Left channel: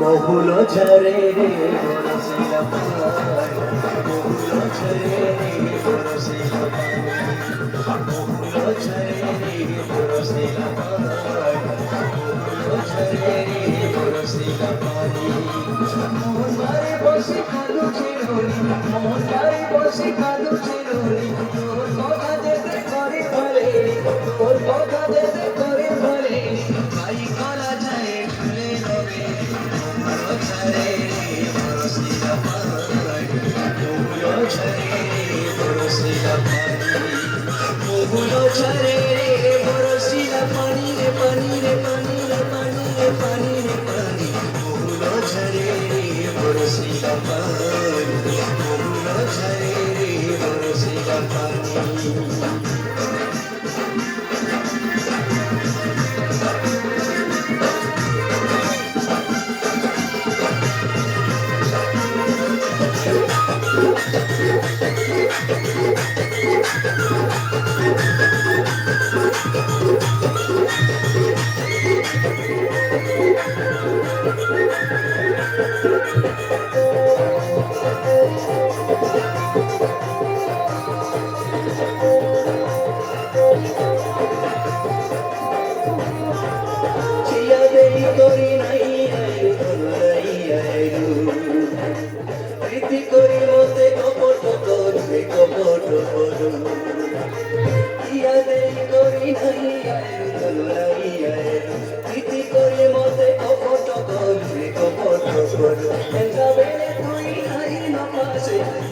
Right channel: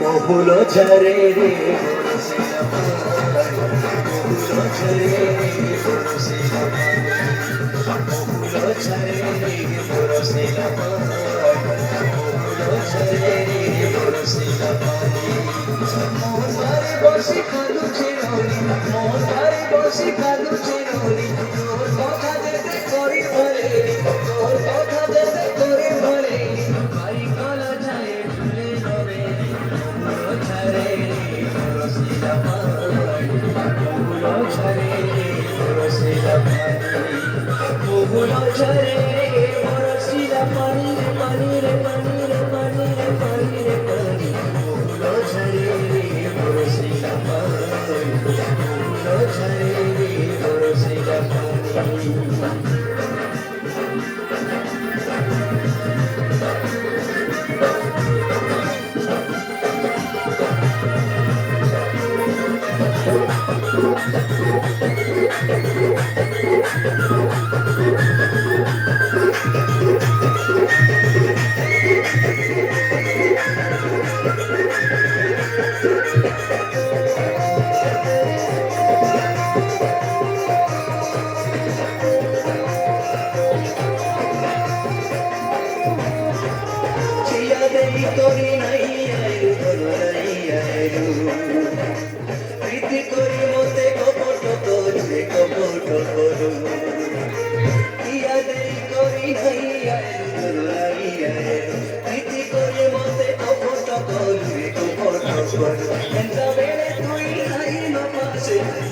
বহুল ঝরে রে বরসিলা বহুল ঝরে রে বরসিলা বহুল ঝরে রে বরসিলা বহুল ঝরে রে বরসিলা মোর বাড়ি বসে কালু চিরুনি মোর বাড়ি বসে কালু চিরুনি তোর কথা যেতে করি ভরে তোর কথা যেতে করি ভরে ভাই কলা যায় ভুলে যাবে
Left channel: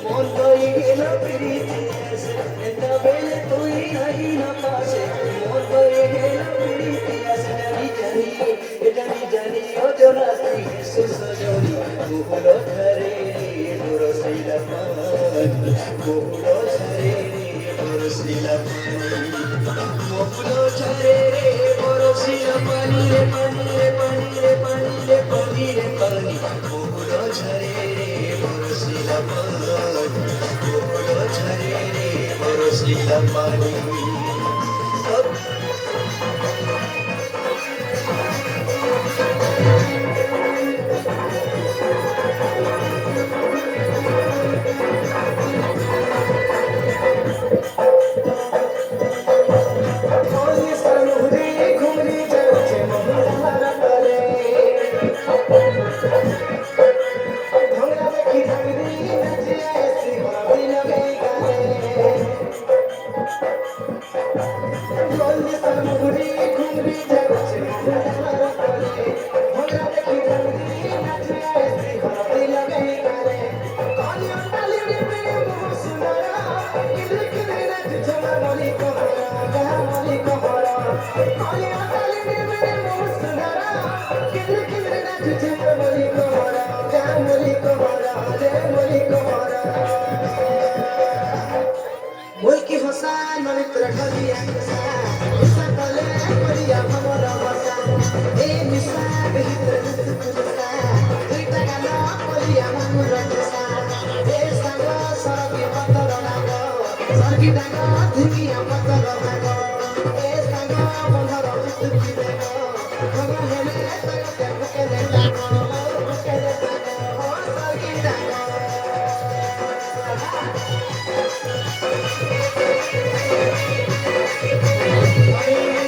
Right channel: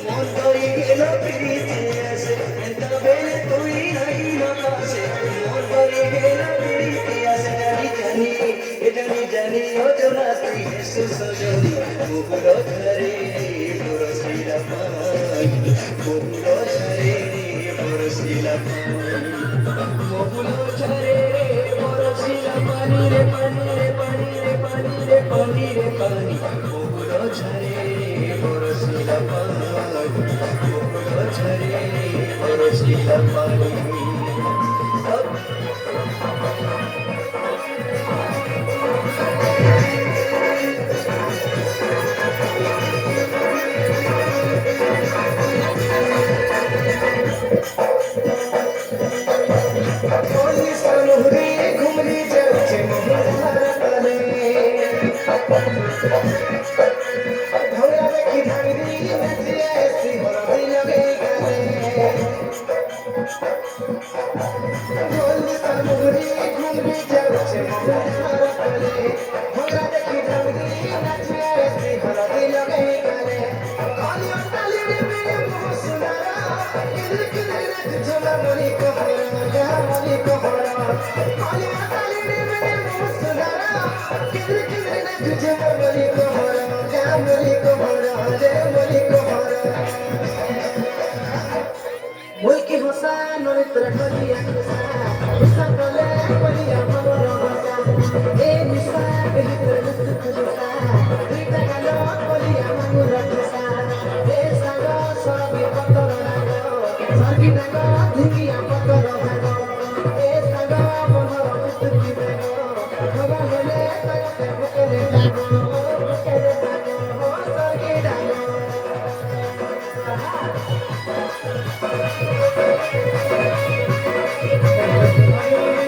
মন তরি গেল প্রীতি আসে তবে তুই নাই না পাশে মন তরি গেল প্রীতি আসে জানি জানি ও জোনা তুই এসে সজনি মুহুর ঝরে বরসিলা পানি মুহুর ঝরে বরসিলা পানি মুহুর ঝরে বরসিলা পানি রে পানি রে পানি রে পানি রে পানি রে পানি মুহুর ঝরে বরসিলা পানি মুহুর ঝরে বরসিলা পানি Mulki Hosan, Manitra Khaliya Hosan, Isa Kale Kaliya Hamara Hosan, E Misa Behitra Hosan, Rita Kala Kaliya Hamara Hosan, E Sanga Sarabi Patara Nago, Sargi Daga Dhikiya Patara Nago, E Sanga Bonhara Ustuki Nago, Baba Hele Tayo Bukele Nago, Bukele Nago, Sargi Daga. Thank you.